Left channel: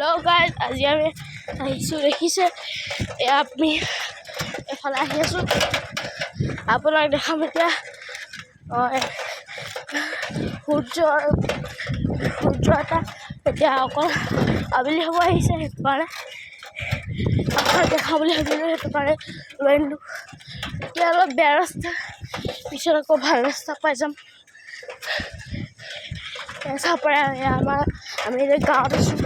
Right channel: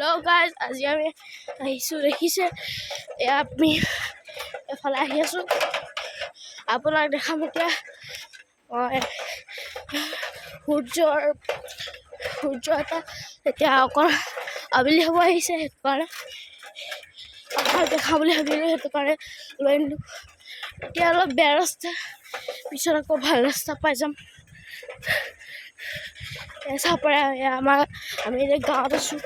Hello' guys, আজি আমি আহিছোঁ দেখিছে আমি এফালে আহি আছোঁ। আপোনাক দেখাম এতিয়া সূৰ্য এটা এতিয়া অকল আবেলি হ'ব আহিছে, সেইটো কাৰণে আপোনাক দেখা বুলি ভাবিলোঁ, সেইটো কাৰণে লৈ আনিলোঁ। এতিয়া অলপ বেয়া ৰাস্তা, পিছত আকৌ ভাল ৰাস্তা পাই যাম। চাব পাৰে আমি এতিয়া গাঁৱত আছোঁ।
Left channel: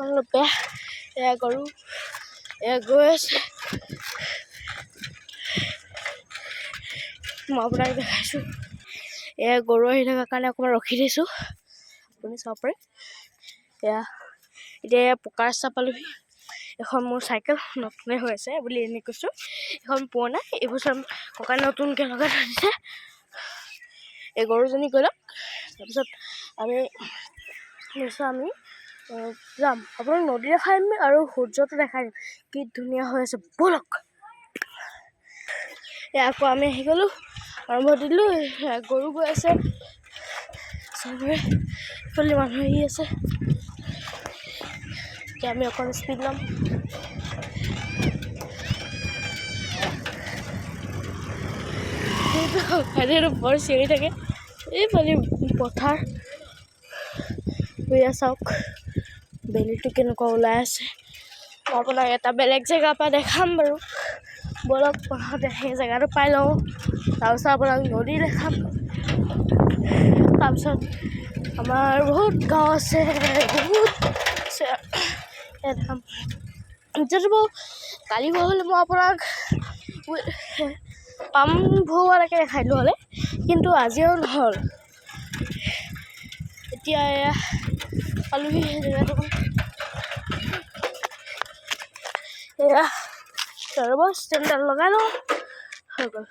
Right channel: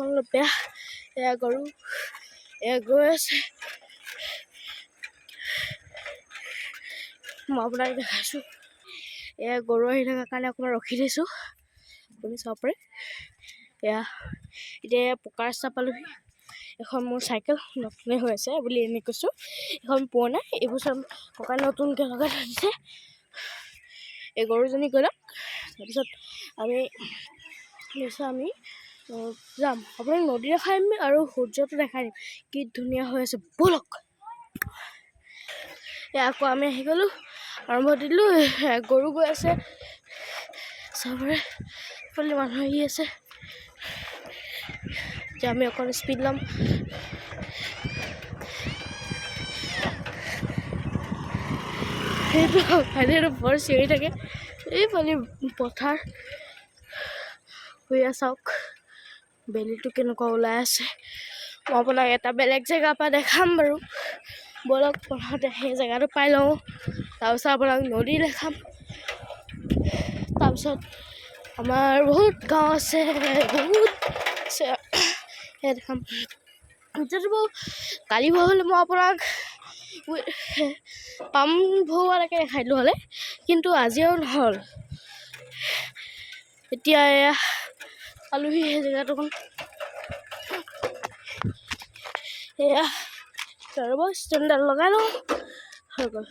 অলপ বেয়া, এয়া গৰু এয়া গৈ আছে। মই আপোনাক দেখাইছোঁ, এয়া গৰু আহি থকাৰ কাৰণে অকণমান ৰখি দিছোঁ, আপুনি চাব পাৰে। এতিয়া পকা ৰাস্তা পালোহি। এখন মোৰ চাইকেল নতুনে হৈ আছে বুলি এনেই কৈছোঁ, এখন পুৰণা, এইবছৰ ককাই নতুনকৈ লগাই থৈ দিছে। এই গৰুজনী গৈ লওক, তাৰপিছত আমি যাম। আপোনাক নদী দেখাই দিম আৰু সূৰ্যটো দেখাই দিম, কি ধুনীয়া হৈ আছে, ব'লক। আকৌ আমি আহি গ'লোঁ, আৰম্ভ দিলোঁ। গৰু গৈ আছে, চবৰে ইফালে মানুহ আহি আছে। এতিয়া আমি অকণ স্পীড ল'ম। সেইটো বৰ চিঞৰি থাকে, এইফালে পথাৰ হৈ চাওক, বেলিটো কেনেকুৱা ওলাই আছে। মই আপোনাক এটা বেলেগ জেগাৰ পৰা দেখাম বাৰু, ব'লক। প্ৰথমতে সেই জেগাটো পাই লওঁ, তাৰপিছত আপোনাক নদী দেখাম। তাৰপিছত আমাৰ বহুত গাঁও আছে, বহুত দেখাম। এতিয়াতো বাৰু কালি হ'লে মই আপোনাক পাম ভৰোৱালৈকে দেখাই দিলোঁ হ'লে, কিন্তু আজিও নহ'ল। এতিয়া পালোহি সেই জেগাটো। এয়া ৰ'ব, ষ্টেণ্ডডাল লগাই লওঁ, হৈ গ'ল।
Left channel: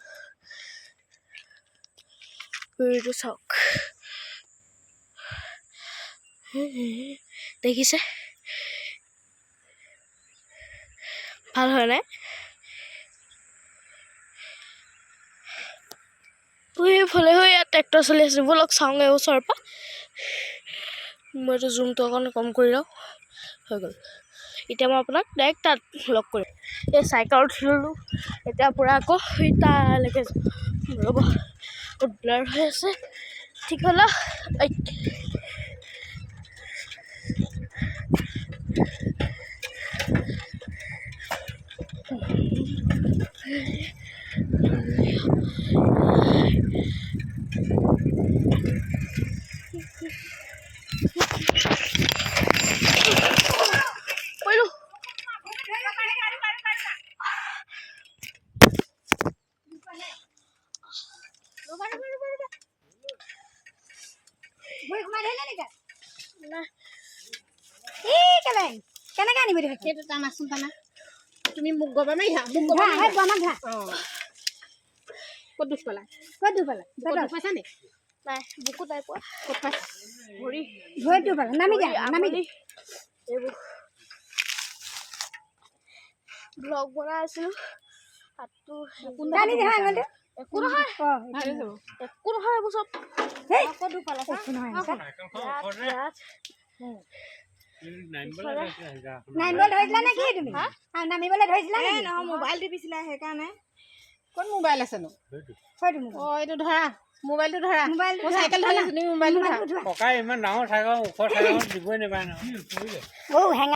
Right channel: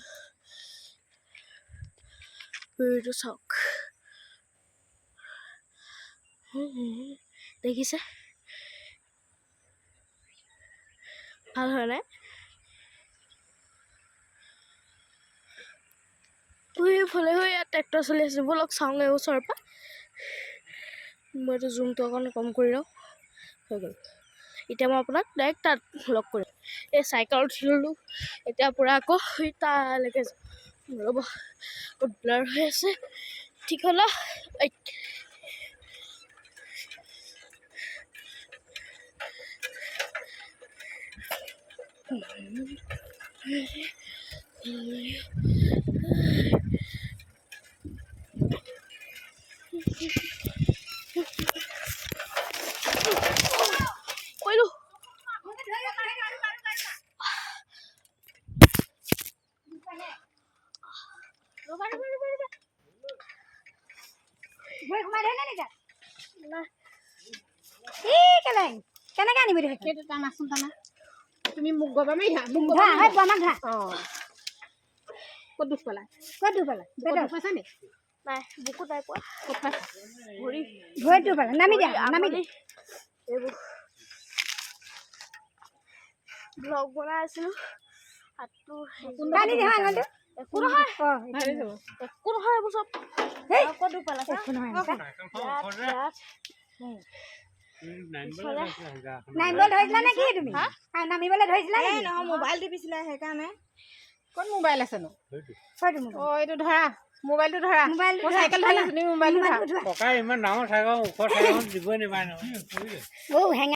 এইটো চাওক, দেখিছে ভাল হয় নাই? এইফালে ইয়াত ট্ৰেক্টৰ চলি আছে, ব'লক চাওঁগৈ ওচৰৰ পৰা। মই এইটো জুমটো অকণ কম কৰি লওঁ, হৈ গ'ল। এতিয়া মই আপোনাক ডাইৰেক্ট তাত লগ কৰিম। এই চাইকেলত উঠি ল'লোঁ, এতিয়া পূৰা আকৌ তালৈকে ৰ'ব, ব্লাৰ হৈ আছে, ঠিক হ'ল। কেনেকে আনিবি সেইটো টানাচোন, টানা। তুমি মোক গবা মাৰিছা, মোক গবা মাৰিছা। ক'ত দুখ পালা? ক'ত দুখ পালা? পাইছা নি? নাই, বুকু নাই পোৱা। ক'ত পাইছা? ভৰি ভৰিটো পালা, নামি দিয়া, নামি দিয়া। এইবোৰ ব্লগ বনাই আছিলোঁ, হাতটো একো নহয়, একো নহয়, এইবোৰ চব। ক'ত দুখ পালা? নামিবলৈ ধৰিছিলা নে কি তুমি? নামিবলৈ ধৰিছিলা নে? নহয়, মোবাইল টিপিছিলা সেইকাৰণে। ক'ত মোবাইল আছেনো? এইটো ধৰা, মোবাইলটো ধৰা। মই চাইকেল ধৰি আছোঁ, তুমি মোবাইলটো ধৰা। ককাই ইমান ডাঙৰ চাইকেল, ওখৰ চাইকেল দিবই নাপায় নহয়।